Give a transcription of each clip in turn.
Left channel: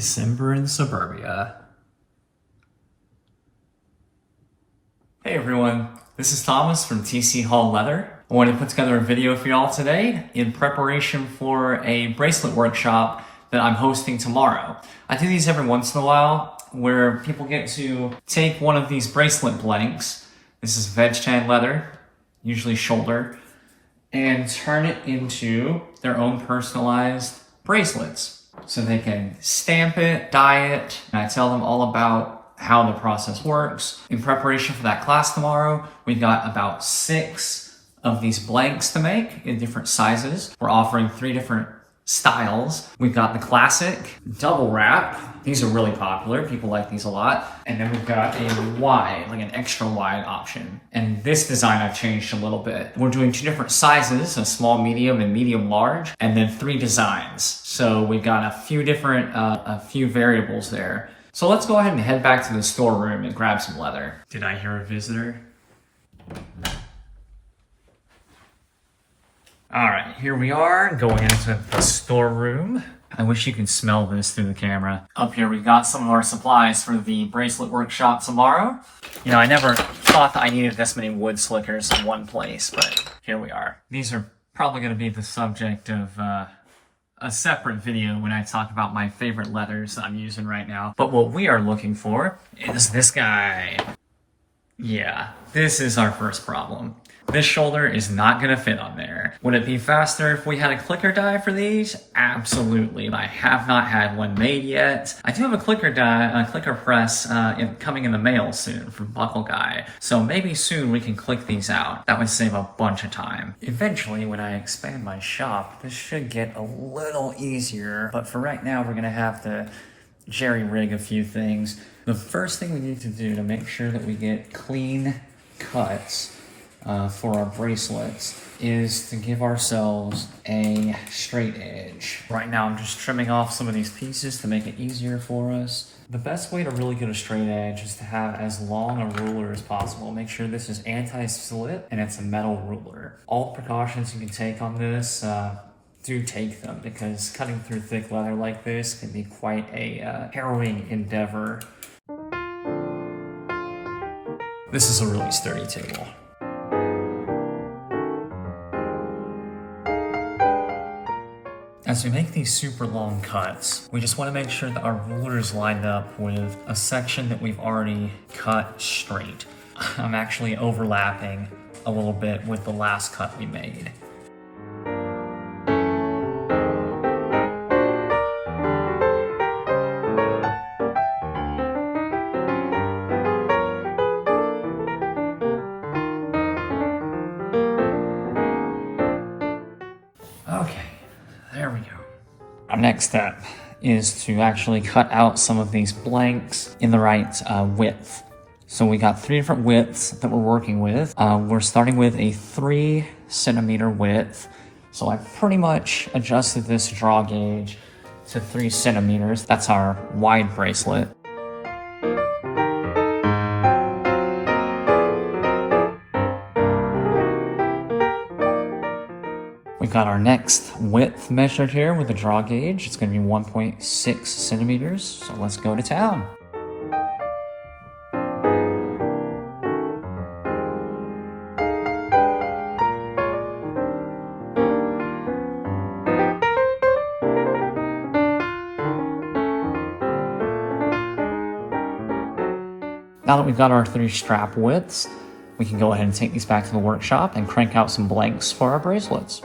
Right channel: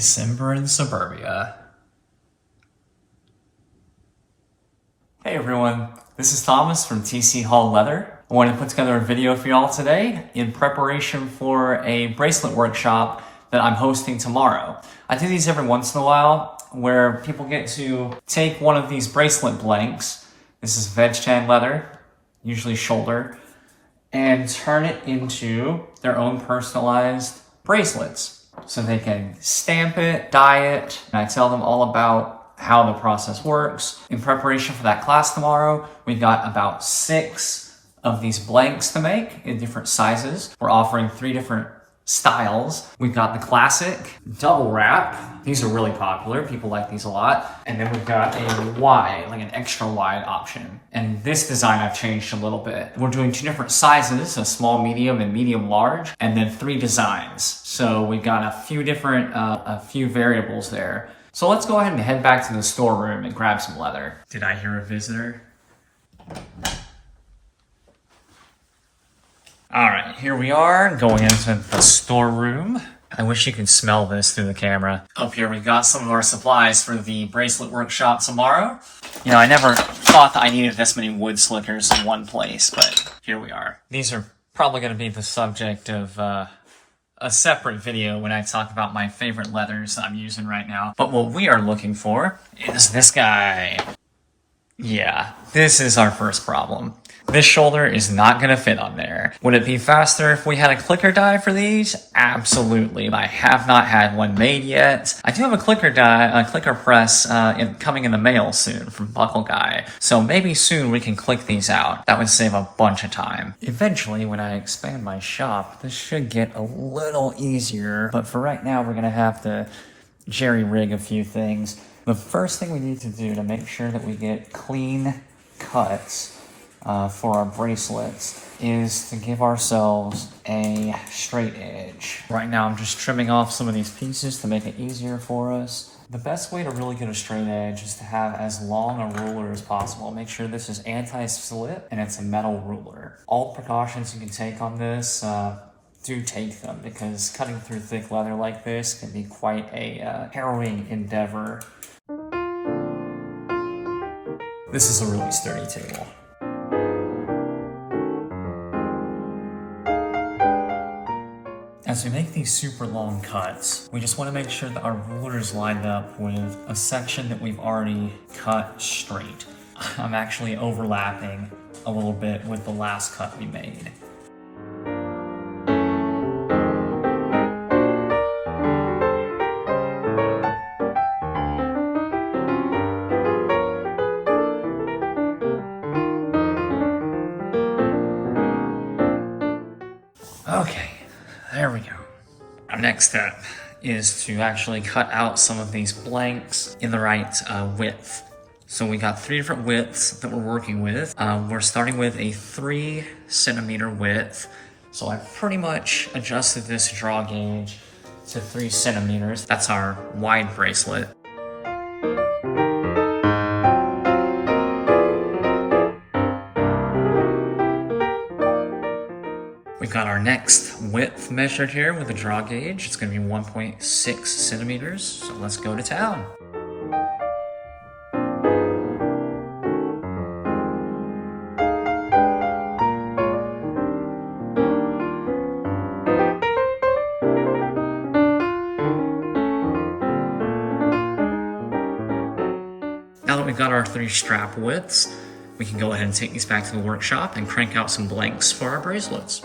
December in suburbia. Hey everyone, this is Thomas from TC Hall Leather. I wanted to put together a video for y'all today in preparation for a bracelet workshop that I'm hosting tomorrow. I do these every once in a while where people get to take one of these bracelet blanks, this is veg tan leather, usually shoulder, and turn it into their own personalized bracelets. So they can stamp it, dye it, and I tell them all about how the process works. In preparation for that class tomorrow, we've got about 6 of these blanks to make in different sizes. We're offering 3 different styles. We've got the classic double wrap. These are really popular. People like these a lot. And then we've got a wide, like an extra wide option. And this design I've changed a little bit. We're doing 2 different sizes, a small, medium, and medium large, and then 3 designs. So we've got a few different, a few variables there. So let's go ahead and head back to the storeroom and grab some leather. Did I hear a visitor? All right, here we are going into the storeroom. I wish you could smell this through the camera. Up here we've got some of our supplies for the bracelet workshop tomorrow. You know, I never thought that I needed this many wood slickers in one place, but here we are. These are probably going to be the subject of a separate video when I talk about my favorite leathers I'm using right now. But what we are looking for is this guy. Yeah, this is our first problem. This shoulder is not going to fit on there. Would it be faster if we had a clicker die for these? Absolutely. I have not had one made yet. I do have a clicker die, a clicker press coming in the mail soon from Buckle Guy. So maybe soon we can click these out. That would save a bunch of time. Eventually, when I expand my shop, this should get a little easier. But for right now, we're going to have to jerry-rig a few things. The first thing we need to do to make sure that we get clean cuts for our bracelets is to give ourselves a straight edge. Right now I'm just trimming off some of these pieces to make it easier for us. The best way to really get a straight edge is to have as long a ruler as possible. Make sure this is anti-slip and it's a metal ruler. All precautions you can take on this, do take them, because cutting through thick leather like this can be quite a harrowing endeavor. This is a really sturdy table. As we make these super long cuts, we just want to make sure that our ruler is lined up with a section that we've already cut straight. I'm actually overlapping a little bit with the last cut we made. There we go. Our next step is to actually cut out some of these blanks in the right width. So we got 3 different widths that we're working with. We're starting with a 3 centimeter width. So I've pretty much adjusted this draw gauge to 3 centimeters. That's our wide bracelet. We've got our next width measured here with a draw gauge. It's going to be 1.6 centimeters, so let's go to town. Now that we've got our 3 strap widths, we can go ahead and take these back to the workshop and crank out some blanks for our bracelets.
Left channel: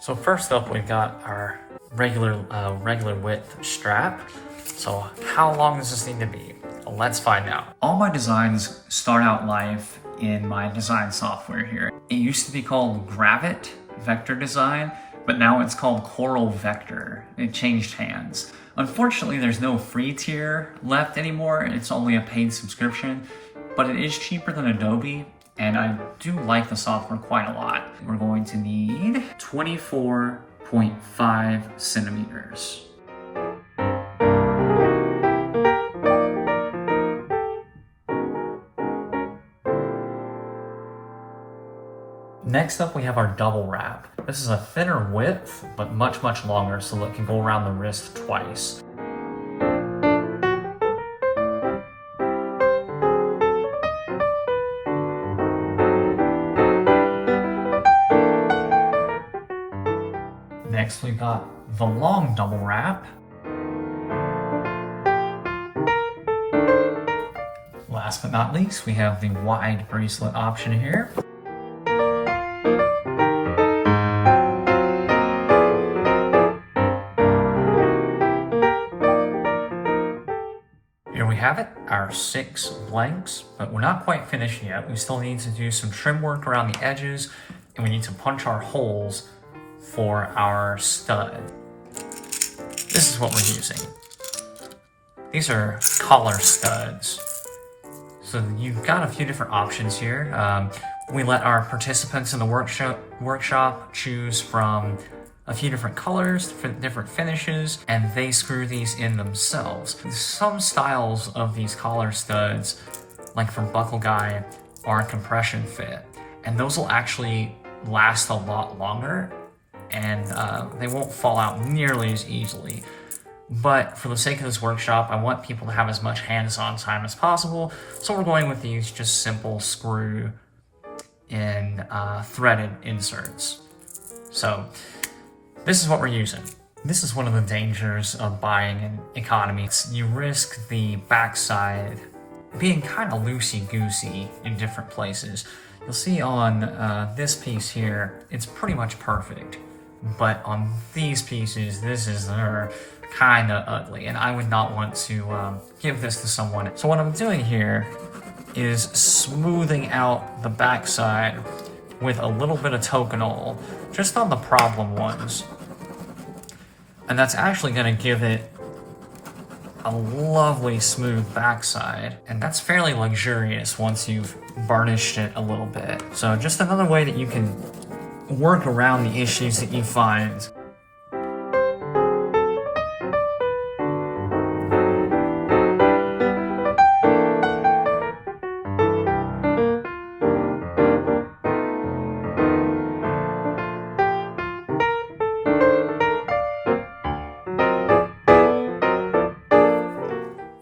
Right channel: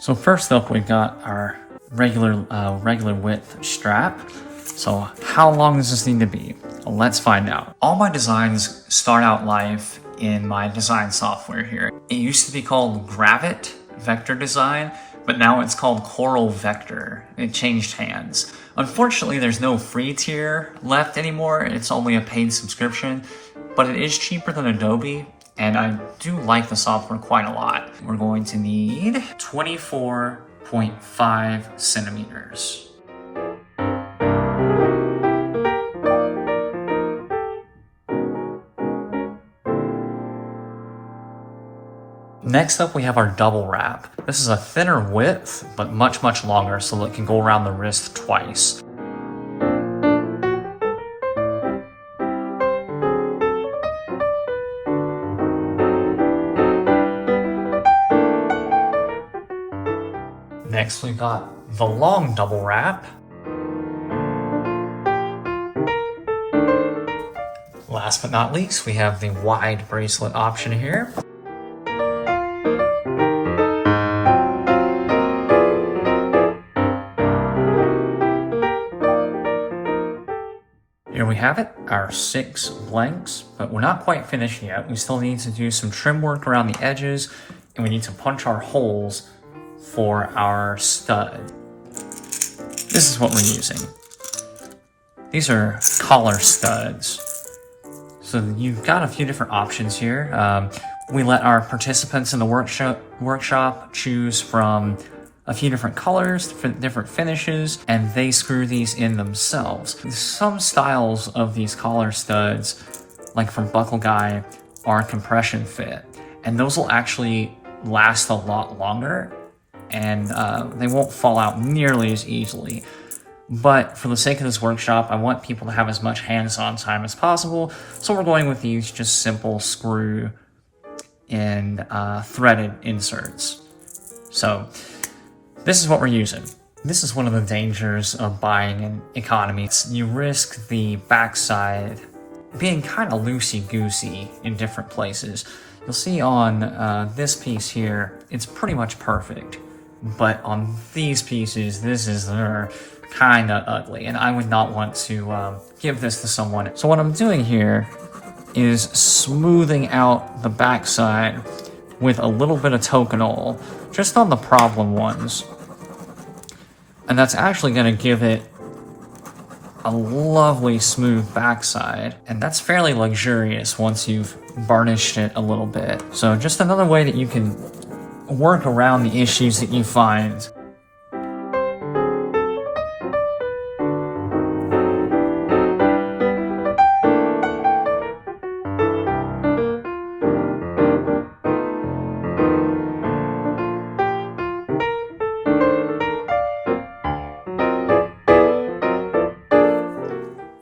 So first up, we've got our regular width strap. So how long does this need to be? Let's find out. All my designs start out live in my design software here. It used to be called Gravit Vector Design, but now it's called Coral Vector. It changed hands. Unfortunately, there's no free tier left anymore. It's only a paid subscription, but it is cheaper than Adobe. And I do like the software quite a lot. We're going to need 24.5 centimeters. Next up, we have our double wrap. This is a thinner width, but much, much longer, so it can go around the wrist twice. Next, we got the long double wrap. Last but not least, we have the wide bracelet option here. Here we have it, our 6 blanks, but we're not quite finished yet. We still need to do some trim work around the edges, and we need to punch our holes for our stud. This is what we're using. These are collar studs. So you've got a few different options here. We let our participants in the workshop choose from a few different colors, different finishes, and they screw these in themselves. Some styles of these collar studs, like from Buckle Guy, are compression fit, and those will actually last a lot longer, and they won't fall out nearly as easily. But for the sake of this workshop, I want people to have as much hands-on time as possible, so we're going with these just simple screw and threaded inserts. So this is what we're using. This is one of the dangers of buying an economy. You risk the backside being kind of loosey-goosey in different places. You'll see on this piece here, it's pretty much perfect. But on these pieces, this is kind of ugly, and I would not want to give this to someone. So what I'm doing here is smoothing out the backside with a little bit of Tokonole, just on the problem ones. And that's actually going to give it a lovely smooth backside, and that's fairly luxurious once you've varnished it a little bit. So just another way that you can work around the issues that you find.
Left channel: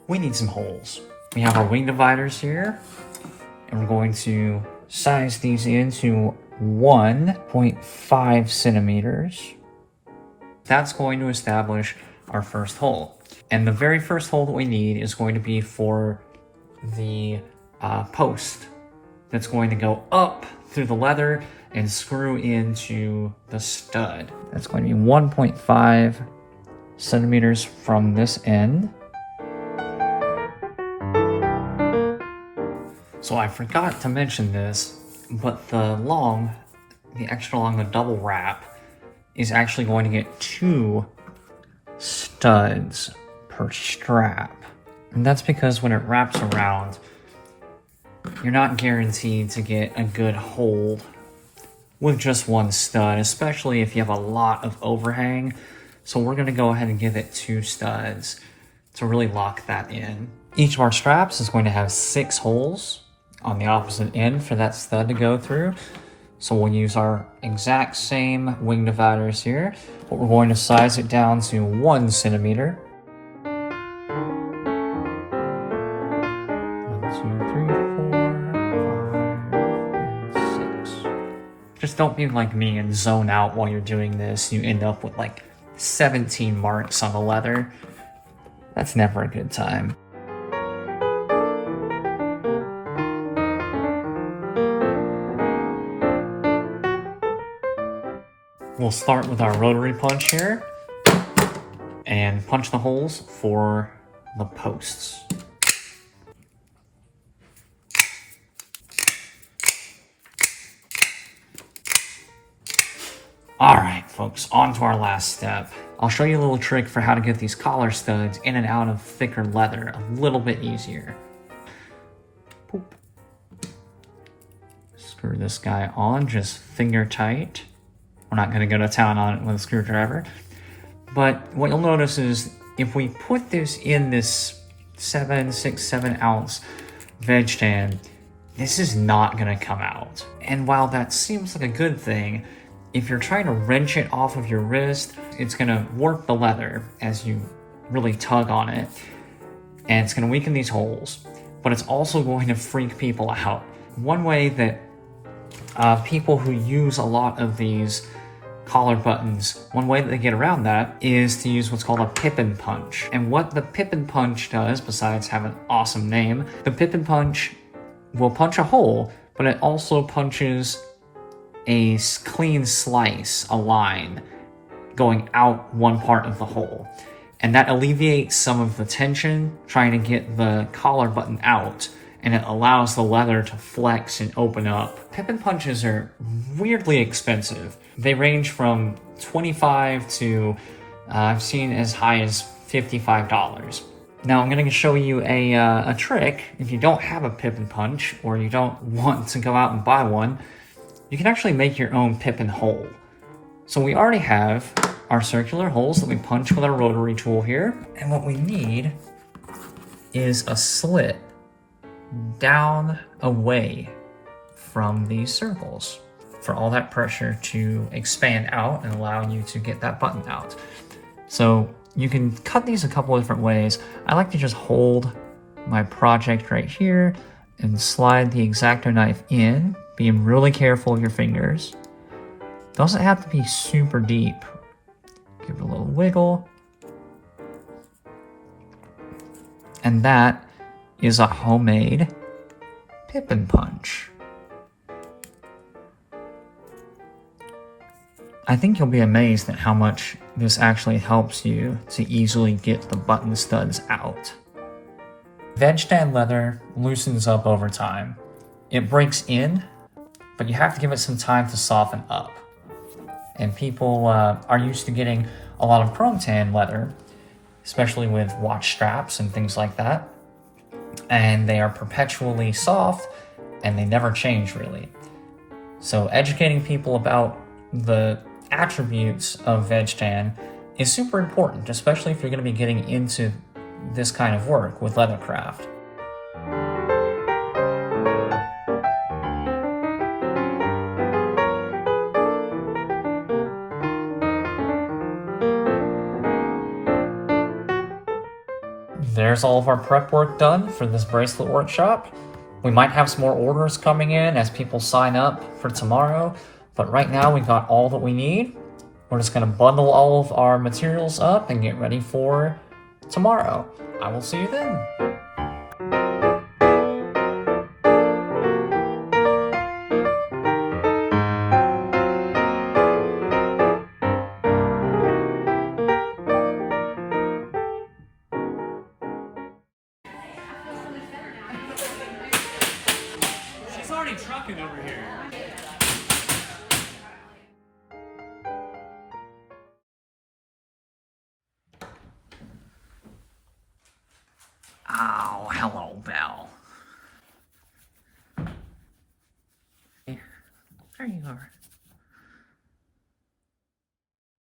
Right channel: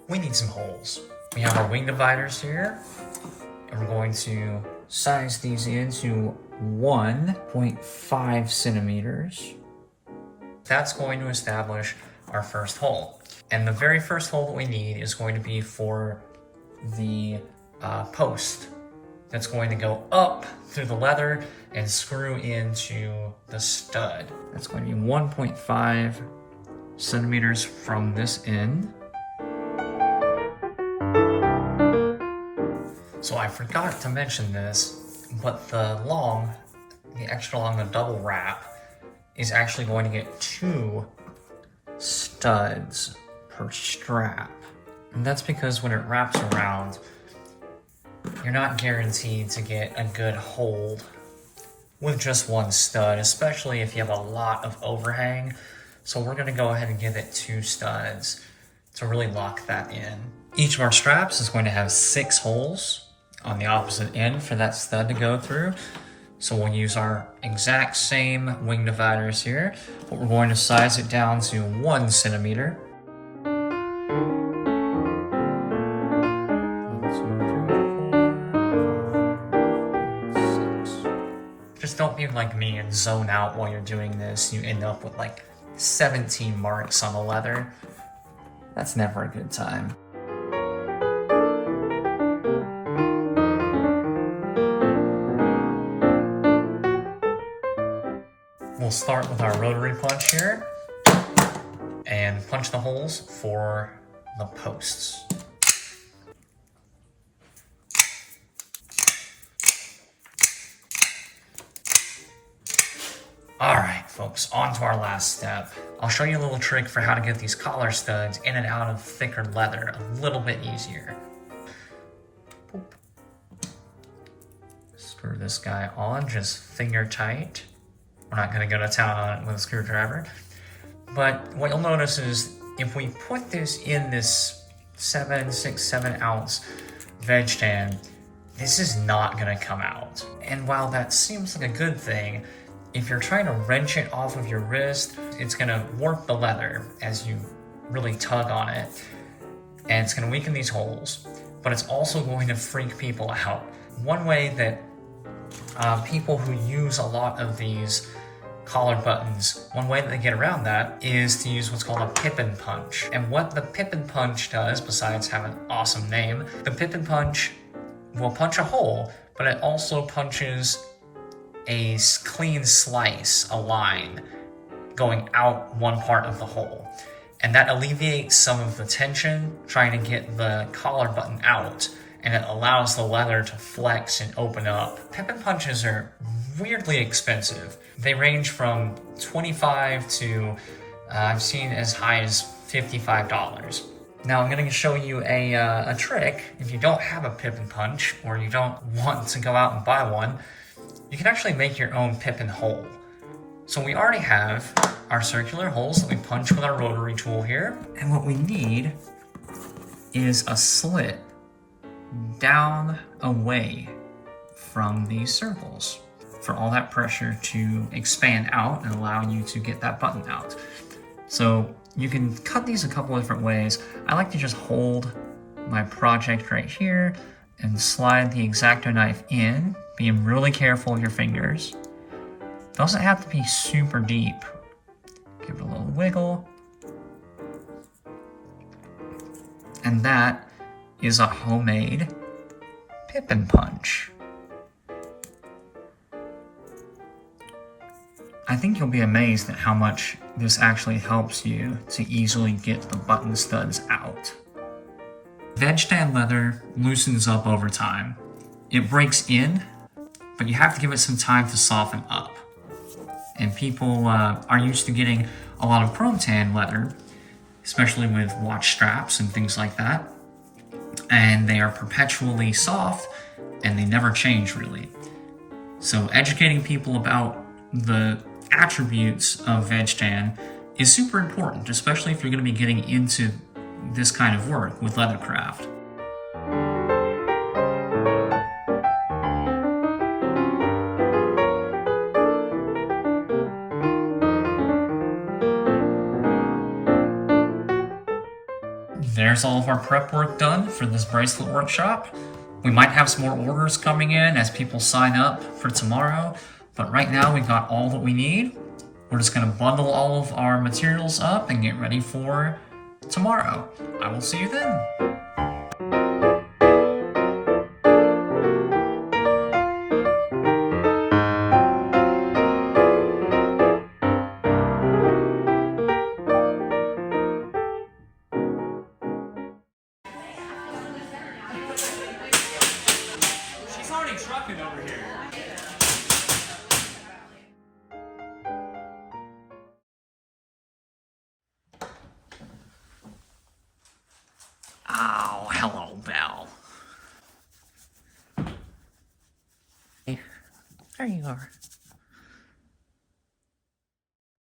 We need some holes. We have our wing dividers here, and we're going to size these into 1.5 centimeters. That's going to establish our first hole. And the very first hole that we need is going to be for the post that's going to go up through the leather and screw into the stud. That's going to be 1.5 centimeters from this end. So I forgot to mention this, but the extra long, the double wrap, is actually going to get 2 studs per strap. And that's because when it wraps around, you're not guaranteed to get a good hold with just 1 stud, especially if you have a lot of overhang. So we're going to go ahead and give it 2 studs to really lock that in. Each of our straps is going to have 6 holes on the opposite end for that stud to go through. So we'll use our exact same wing dividers here, but we're going to size it down to 1 centimeter. 1, 2, 3, 4, 5, 6. Just don't be like me and zone out while you're doing this. You end up with like 17 marks on the leather. That's never a good time. We'll start with our rotary punch here and punch the holes for the posts. Alright folks, on to our last step. I'll show you a little trick for how to get these collar studs in and out of thicker leather a little bit easier. Boop. Screw this guy on, just finger tight. We're not going to go to town on it with a screwdriver. But what you'll notice is if we put this in this 6, 7 ounce veg tan, this is not gonna come out. And while that seems like a good thing, if you're trying to wrench it off of your wrist, it's gonna warp the leather as you really tug on it, and it's gonna weaken these holes, but it's also going to freak people out. One way that people who use a lot of these collar buttons, one way that they get around that is to use what's called a Pippin punch. And what the Pippin punch does, besides having an awesome name, the Pippin punch will punch a hole, but it also punches a clean slice, a line, going out one part of the hole. And that alleviates some of the tension trying to get the collar button out, and it allows the leather to flex and open up. Pippin punches are weirdly expensive. They range from $25 to I've seen as high as $55. Now I'm going to show you a trick. If you don't have a Pippin punch, or you don't want to go out and buy one, you can actually make your own Pippin hole. So we already have our circular holes that we punch with our rotary tool here, and what we need is a slit down away from these circles for all that pressure to expand out and allow you to get that button out. So you can cut these a couple of different ways. I like to just hold my project right here and slide the X-Acto knife in, being really careful with your fingers. It doesn't have to be super deep. Give it a little wiggle. And that is a homemade Pippin punch. I think you'll be amazed at how much this actually helps you to easily get the button studs out. Veg tan leather loosens up over time. It breaks in, but you have to give it some time to soften up. And people are used to getting a lot of chrome tan leather, especially with watch straps and things like that. And they are perpetually soft and they never change really. So educating people about the attributes of veg tan is super important, especially if you're going to be getting into this kind of work with leathercraft. There's all of our prep work done for this bracelet workshop. We might have some more orders coming in as people sign up for tomorrow, but right now we've got all that we need. We're just going to bundle all of our materials up and get ready for tomorrow. I will see you then. She's already trucking over here. Oh, hello, Belle. There you are.